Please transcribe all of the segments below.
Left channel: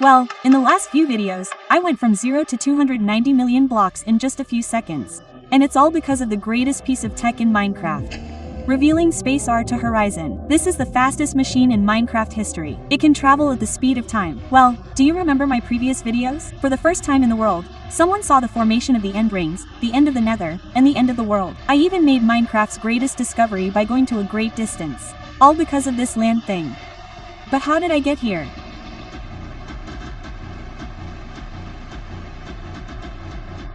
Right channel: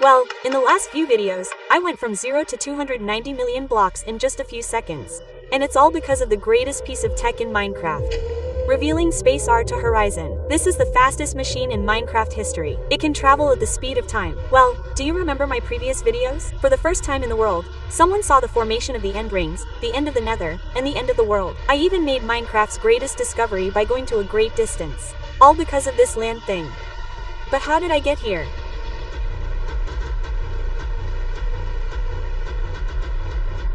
Well, in the last few videos, I went from 0 to 290 million blocks in just a few seconds. And it's all because of the greatest piece of tech in Minecraft. Revealing Space R to Horizon. This is the fastest machine in Minecraft history. It can travel at the speed of time. Well, do you remember my previous videos? For the first time in the world, someone saw the formation of the end rings, the end of the nether, and the end of the world. I even made Minecraft's greatest discovery by going to a great distance. All because of this land thing. But how did I get here?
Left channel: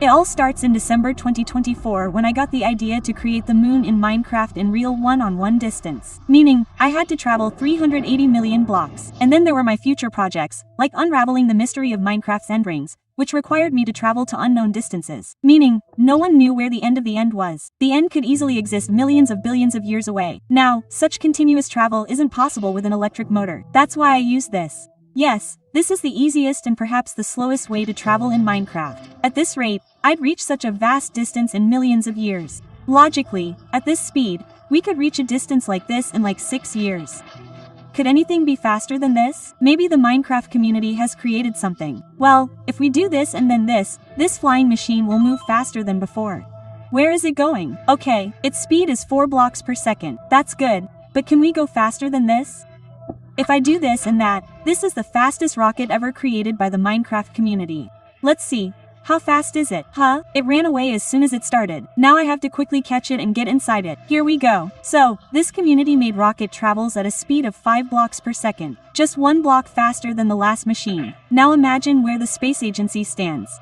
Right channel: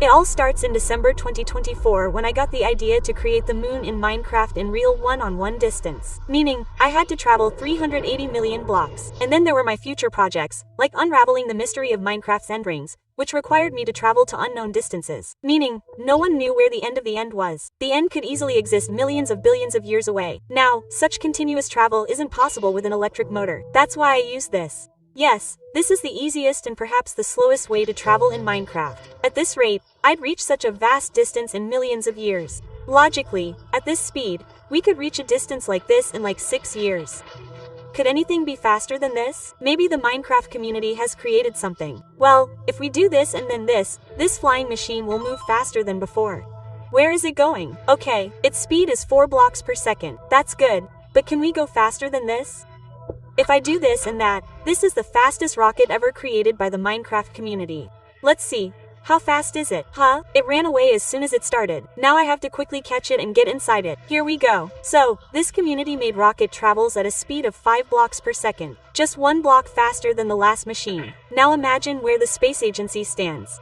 It all starts in December 2024 when I got the idea to create the moon in Minecraft in real one-on-one distance. Meaning, I had to travel 380 million blocks. And then there were my future projects, like unraveling the mystery of Minecraft's end rings, which required me to travel to unknown distances. Meaning, no one knew where the end of the end was. The end could easily exist millions of billions of years away. Now, such continuous travel isn't possible with an electric motor. That's why I use this. Yes, this is the easiest and perhaps the slowest way to travel in Minecraft. At this rate, I'd reach such a vast distance in millions of years. Logically, at this speed, we could reach a distance like this in like 6 years. Could anything be faster than this? Maybe the Minecraft community has created something. Well, if we do this and then this flying machine will move faster than before. Where is it going? Okay, its speed is 4 blocks per second. That's good, but can we go faster than this? If I do this and that, this is the fastest rocket ever created by the Minecraft community. Let's see. How fast is it? Huh? It ran away as soon as it started. Now I have to quickly catch it and get inside it. Here we go. So, this community-made rocket travels at a speed of 5 blocks per second. Just 1 block faster than the last machine. Now imagine where the space agency stands.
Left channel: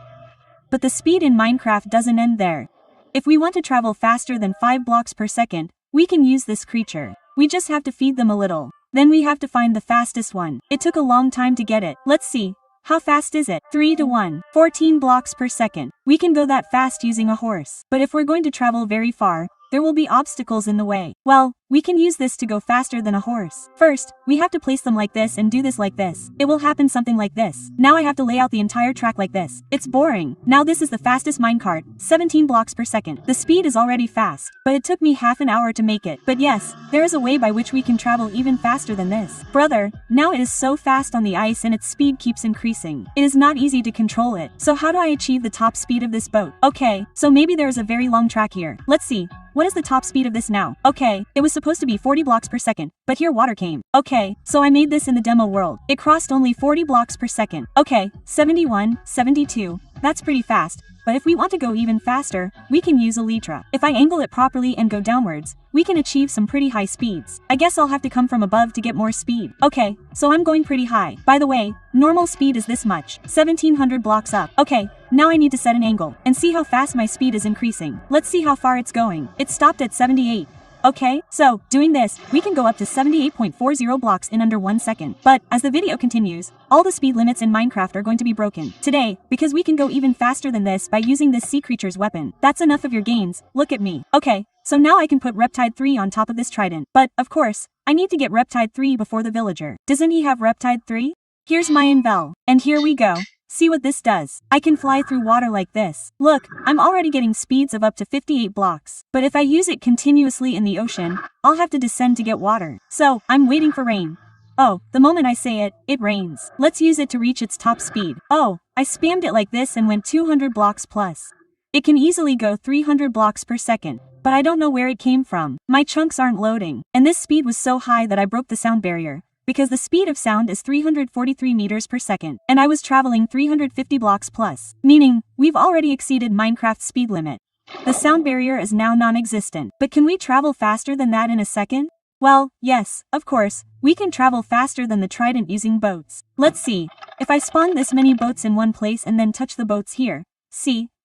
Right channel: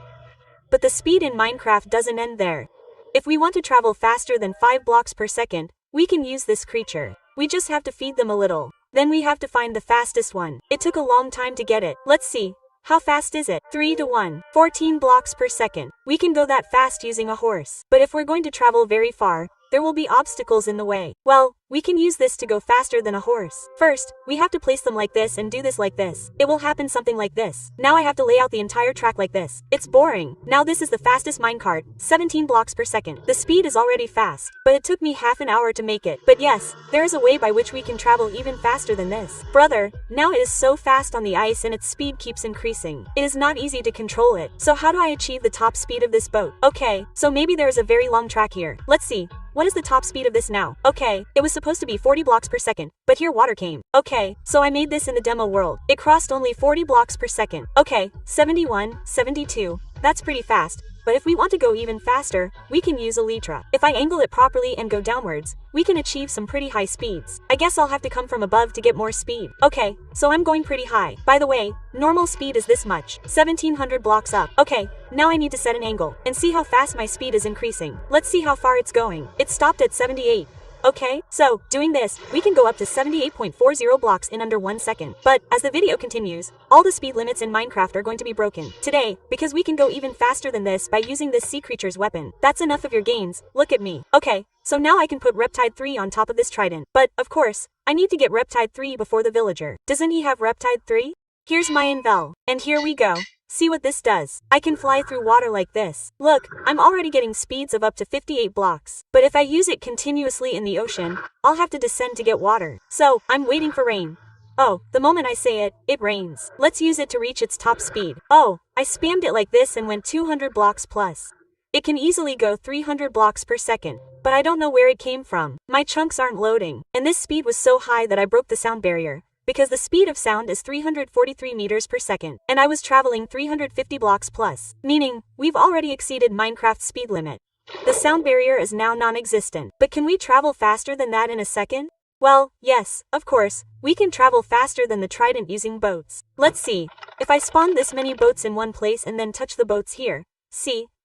But the speed in Minecraft doesn't end there. If we want to travel faster than 5 blocks per second, we can use this creature. We just have to feed them a little. Then we have to find the fastest one. It took a long time to get it. Let's see. How fast is it? 3 to 1. 14 blocks per second. We can go that fast using a horse. But if we're going to travel very far, there will be obstacles in the way. Well, we can use this to go faster than a horse. First, we have to place them like this and do this like this. It will happen something like this. Now I have to lay out the entire track like this. It's boring. Now this is the fastest minecart, 17 blocks per second. The speed is already fast, but it took me half an hour to make it. But yes, there is a way by which we can travel even faster than this. Brother, now it is so fast on the ice and its speed keeps increasing. It is not easy to control it. So how do I achieve the top speed of this boat? Okay, so maybe there is a very long track here. Let's see. What is the top speed of this now? Okay, it was supposed to be 40 blocks per second, but here water came. Okay, so I made this in the demo world. It crossed only 40 blocks per second. Okay, 71, 72, that's pretty fast. But if we want to go even faster, we can use Elytra. If I angle it properly and go downwards, we can achieve some pretty high speeds. I guess I'll have to come from above to get more speed. Okay, so I'm going pretty high. By the way, normal speed is this much, 1700 blocks up. Okay, now I need to set an angle and see how fast my speed is increasing. Let's see how far it's going. It stopped at 78. Okay, so, doing this, we can go up to 78.40 blocks in under 1 second. But, as the video continues, all the speed limits in Minecraft are going to be broken. Today, because we can go even faster than this by using this sea creature's weapon. That's enough of your gains, look at me. Okay, so now I can put Reptide 3 on top of this trident. But, of course, I need to get Reptide 3 before the villager. Doesn't he have Reptide 3? Here's my Invel. And here we go. See what this does. I can fly through water like this. Look, I'm already getting speeds of up to 58 blocks. But if I use it continuously in the ocean, I'll have to descend to get water. So, I'm waiting for rain. Oh, the moment I say it, it rains. Let's use it to reach its top speed. Oh, I spammed it like this and went 200 blocks plus. It can easily go 300 blocks per second. But I don't know where it came from. My chunks aren't loading. And this speed was so high that I broke the sound barrier. Because the speed of sound is 343 meters per second, and I was traveling 350 blocks plus, meaning, we've already exceeded Minecraft's speed limit. The sound barrier is now non-existent, but can we travel faster than that in a second? Well, yes, of course, we can travel faster than the trident using boats. Let's see, if I spawn this many boats in one place and then touch the boats here,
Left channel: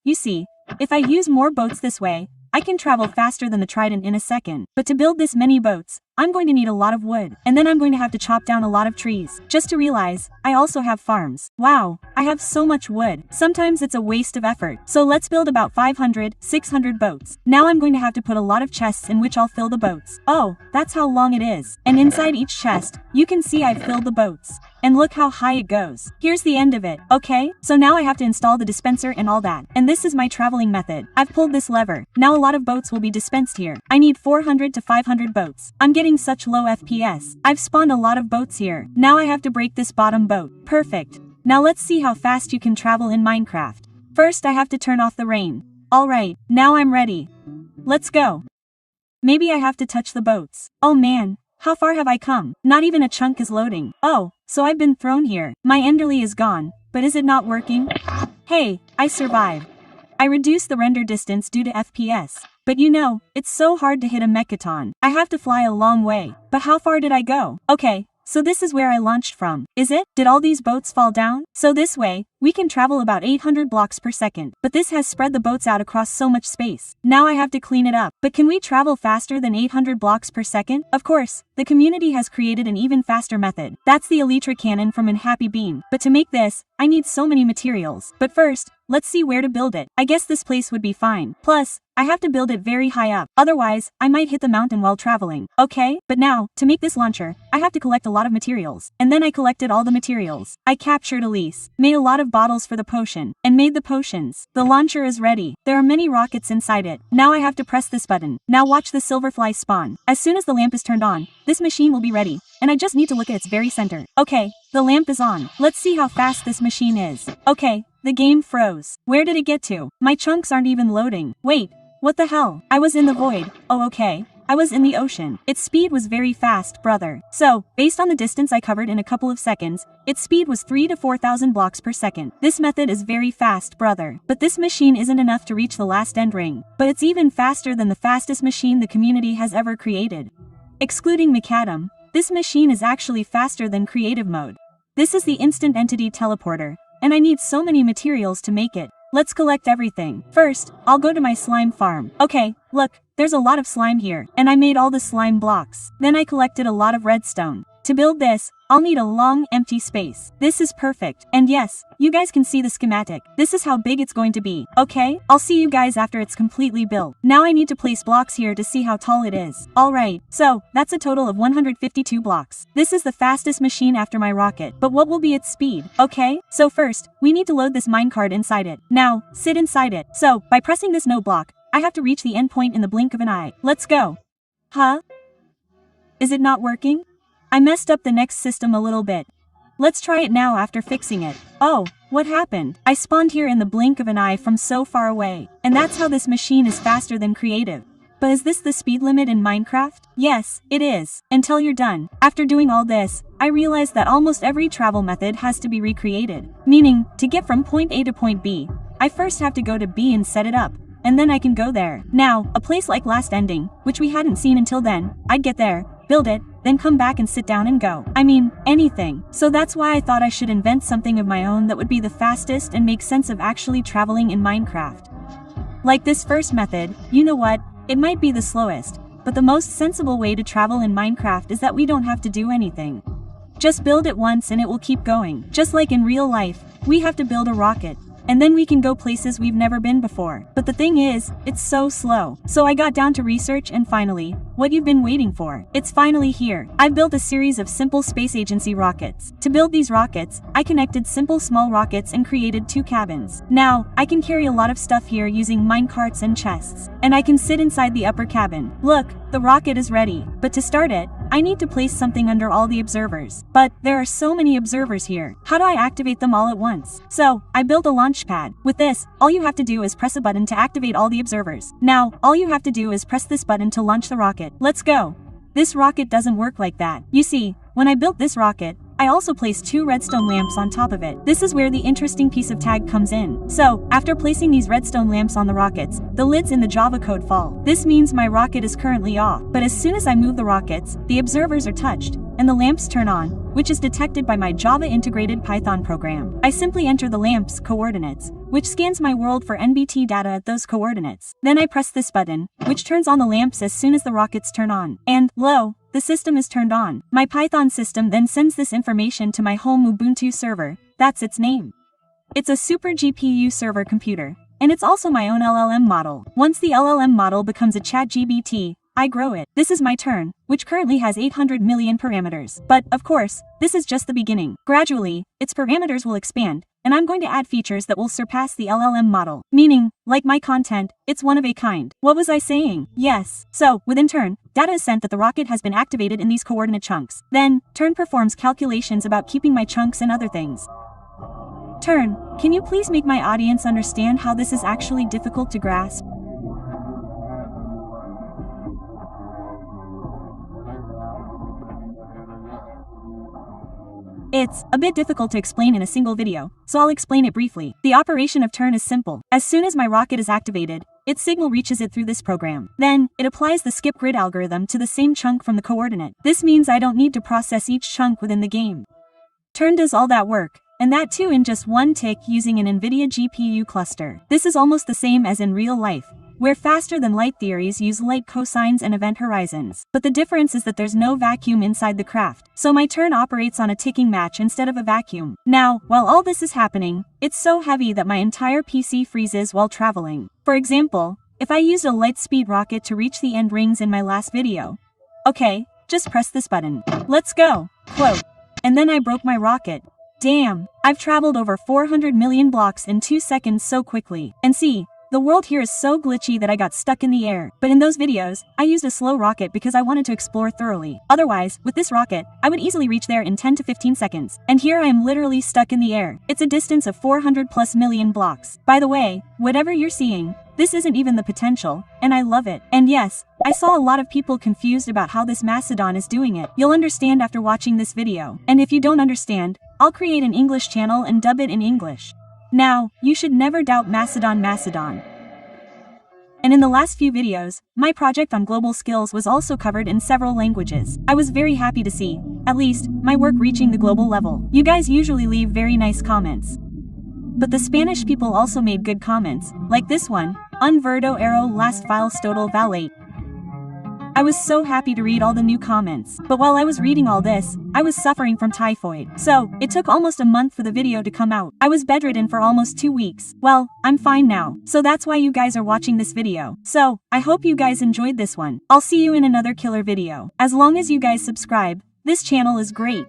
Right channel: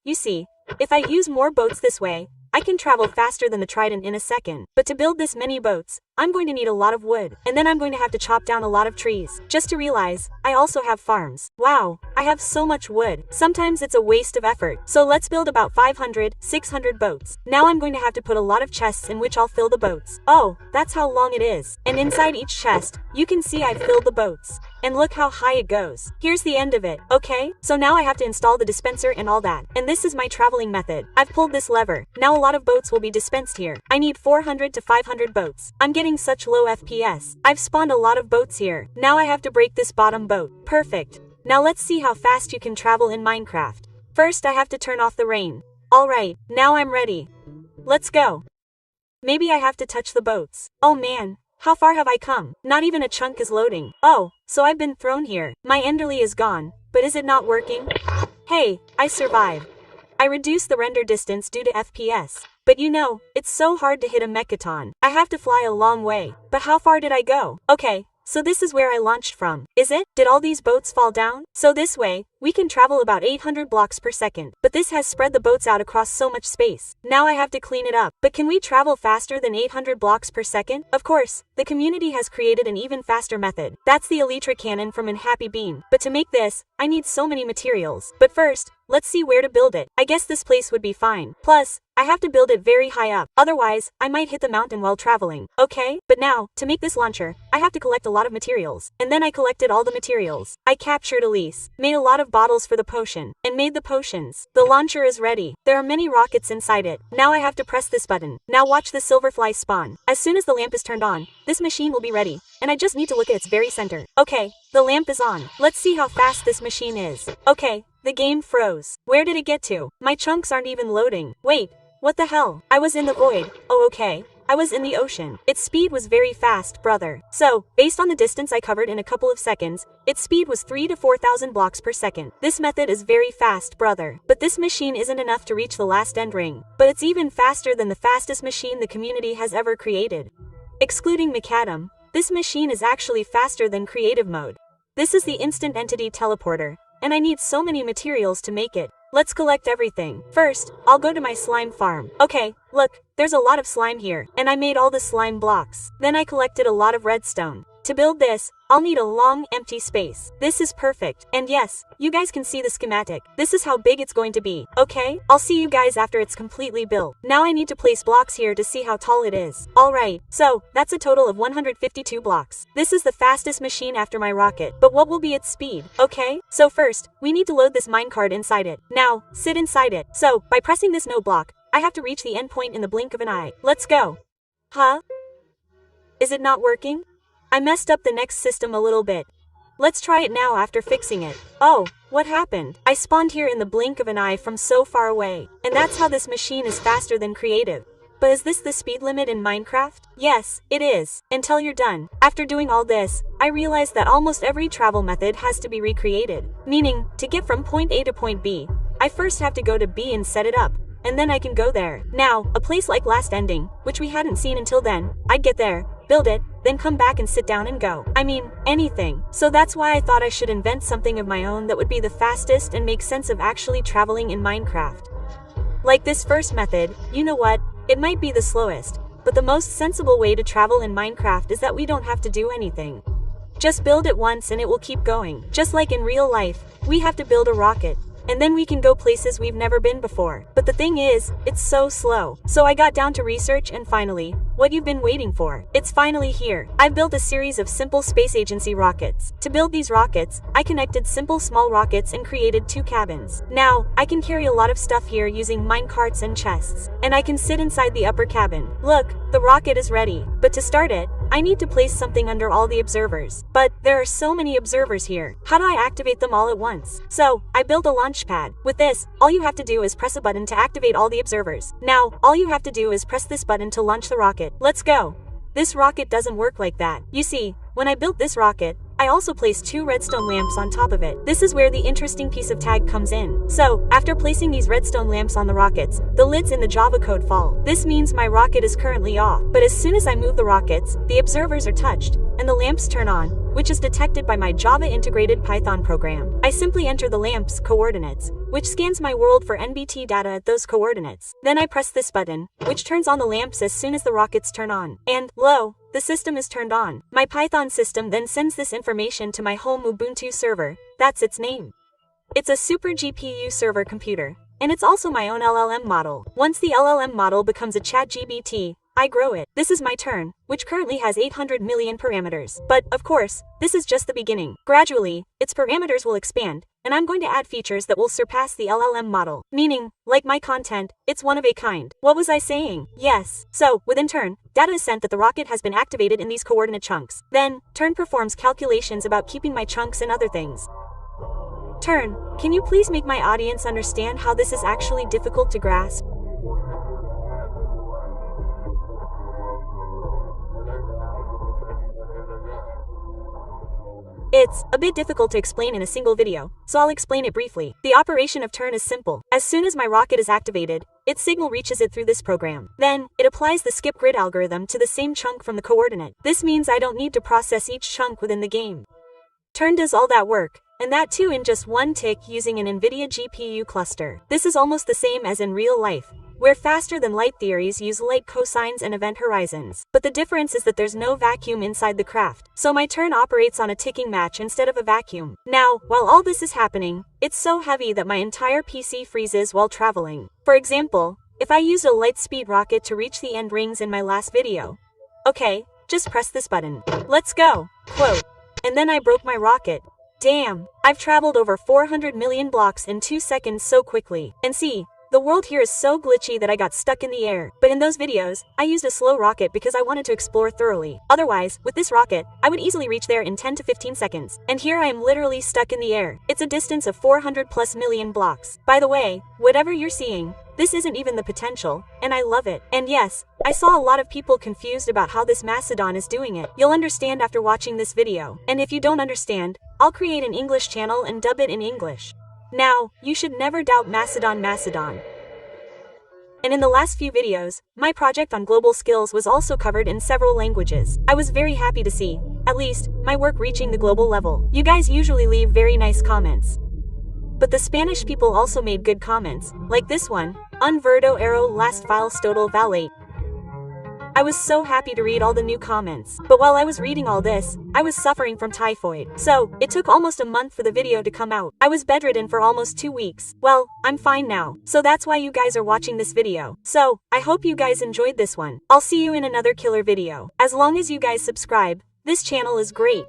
you see, if I use more boats this way, I can travel faster than the trident in a second. But to build this many boats, I'm going to need a lot of wood. And then I'm going to have to chop down a lot of trees. Just to realize, I also have farms. Wow, I have so much wood. Sometimes it's a waste of effort. So let's build about 500, 600 boats. Now I'm going to have to put a lot of chests in which I'll fill the boats. Oh, that's how long it is. And inside each chest, you can see I've filled the boats. And look how high it goes. Here's the end of it, okay? So now I have to install the dispenser and all that. And this is my traveling method. I've pulled this lever. Now a lot of boats will be dispensed here. I need 400 to 500 boats. I'm getting such low FPS. I've spawned a lot of boats here. Now I have to break this bottom boat. Perfect. Now let's see how fast you can travel in Minecraft. First I have to turn off the rain. Alright, now I'm ready. Let's go. Maybe I have to touch the boats. Oh man, how far have I come? Not even a chunk is loading. Oh, so I've been thrown here. My enderly is gone, but is it not working? Hey, I survived. I reduced the render distance due to FPS. But you know, it's so hard to hit a mcaddon. I have to fly a long way. But how far did I go? Okay, so this is where I launched from. Is it? Did all these boats fall down? So this way, we can travel about 800 blocks per second. But this has spread the boats out across so much space. Now I have to clean it up. But can we travel faster than 800 blocks per second? Of course, the community has created an even faster method. That's the elytra cannon from Unhappy Bean. But to make this, I need so many materials. But first, let's see where to build it. I guess this place would be fine. Plus, I have to build it very high up. Otherwise, I might hit the mountain while traveling. Okay? But now, to make this launcher, I have to collect a lot of materials. And then I collected all the materials. I captured Elise, made a lot of bottles for the potion, and made the potions. The launcher is ready. There are many rockets inside it. Now I have to press this button. Now watch the silverfly spawn. As soon as the lamp is turned on, this machine will be ready. And I just need to look at its very center. Okay, the lamp is on. Let's see how fast this machine is. Okay, the game froze. Where did it get to? My chunks aren't even loading. Wait, what the hell? I was in the void. Oh okay. I was in the ocean. Its speed was very fast, brother. So, based on the distance I covered in a couple of seconds, its speed was 3 to 4,000 blocks per second. This method is very fast, brother. But this machine isn't enough to reach the last end ring. But it's even faster than the fastest machine the community has ever created. Excluding mcaddon, this machine is actually faster than creative mode. This is the instant entity teleporter, and I need so many materials to make it. Let's collect everything. First, I'll go to my slime farm. Okay, look, there's a lot of slime here, and I made all the slime blocks. Then I collected a lot of redstone. To build this, I'll need a long, empty space. This is perfect. And yes, you guys can see the schematic. This is how big it's going to be. Okay, I'll see you guys after it's completely built. Now I need to place blocks here to see how tall it is. Alright, so, that's a total of 152 blocks. This is the fastest machine after my rocket. But what will be its speed? Okay, so first, we need to load this minecart inside it. Now, sit inside it. So, by pressing this no block, I have to reach the endpoint in the blink of an eye. Let's go. Huh? Is it not working? I messed up the next system a little bit. Let's try it now after fixing it. Oh, what happened? I spawned here in the blink of an eye from so far away. And that's how this machine is faster than creative. But is this the speed limit in Minecraft? Yes, it is. Until you're done. After doing all this, I realized that almost every travel method has to be recreated. Meaning, to get from point A to point B, I first have to go to B and set it up. And then I can go there. Now, a place like Last Ending, which we hadn't seen until then, I'd get there, build it, then come back and sit down and go. I mean, anything. So that's why I thought I should invent something of my own that would be the fastest and make sense of actually traveling in Minecraft. Like this first method, you know what? It might be the slowest, but the most sensible way to travel in Minecraft is that we don't have to do anything. Just build it once and it will keep going. Just like in real life, we have to build a rocket. And then we can go places we've never been before. But the thing is, it's so slow. So I got down to research and finally, what you've been waiting for. It's finally here. I've built a series of simple space agency rockets. To build these rockets, I connected simple small rockets and created 2 cabins. Now, I can carry a lot of stuff here using minecarts and chests. And I can sit inside the upper cabin. Look, the rocket is ready. But to start it, I need to place something under all the observers. But there are so many observers here. How do I activate them all at once? So, I built a launch pad. With this, all you have to do is press a button to activate all the observers. Now, all you have to do is press this button to launch the rocket. Let's go. This rocket doesn't work like that. You see, when I built this rocket, I also placed 2 redstone lamps on top of it. This is where the interesting piece of tag comes in. So, after placing these redstone lamps on the rockets, the lids in the Java code fall. This means my rocket is currently off. But as soon as I move the rockets, the observers are touched, and the lamps turn on, which is detected by my Java integrated Python program. I simply enter the lamp's coordinates, which scans my world for NBT data at those coordinates. Then I press this button, which turns on the lamps as soon as the rockets turn on. And, lo, the system is turned on. My Python system then sends this information to my home Ubuntu server. That's its name. It's a super GPU server computer, and it's also my own LLM model. Once the LLM model becomes a ChatGPT, I grow it. This is my turn, which currently has 800 million parameters. But, of course, this is just the beginning. Gradually, its parameters will expand, and I'm going to add features that will surpass the LLM model. Meaning, like my content, it's one of a kind. What was I saying? Yes. So, within turn, data is sent that the rocket has been activated in these coordinate chunks. Then, turn performs calculations about keeping my chunks and other things. Turn, can you please make my audience understand how this is actually difficult to grasp? It's a bit difficult to explain in a single video, so I'll explain it briefly. The operation of turn is simple. As soon as my rocket is activated, its signal reaches it through this program. Then, it applies the skip grid algorithm to the same chunk from the coordinate. This means I don't need to process each chunk within the game. Turn does all that work, and that too in just one tick using an NVIDIA GPU cluster. This is almost the same as in real life, where faster-than-light theories use light cosines and event horizons. But the difference is that there's no vacuum inside the craft, so my turn operates on a ticking match instead of a vacuum. Now, while all this is happening, it's so heavy that my entire PC freezes while traveling. For example, if I used a lightspeed rocket to reach the end rings in my last video. Okay, just press this button. Let's go, quote. And then I broke my rocket. Damn, I've traveled over 400 million blocks in 2 seconds so quickly. And see, the world here is so glitchy that I got stuck in the air. But in those videos, I used a slow rocket because I wanted to explore thoroughly. Otherwise, with this rocket, I would easily reach there in 10 to 15 seconds. And here I am literally stuck in the air. It's a distance of 400 plus million blocks. By the way, whatever you're seeing, this isn't even the potential, and I love it. And yes, I saw a lot of people confused about how this mcaddon is doing it. You'll understand after watching this video. And if you don't understand, I'll create an English channel and dub it in English. Now, you should never doubt mcaddon. And in the last few videos, my project on global skills was also covered in several languages. I was very happy to see, at least, my work reaching the global level. You guys usually leave very nice comments. But the Spanish people also made good comments, like this one, Un verdadero las files total valate. I was so happy to read all the new comments. But while I was reading all this, I was suffering from typhoid. So, it took almost a month for the video to come out. I was bedridden for almost 2 weeks. Well, I'm fine now. So that's why you guys are watching this video. So, I hope you guys enjoyed this one. I'll see you in another killer video. As long as you guys subscribe, this channel is great.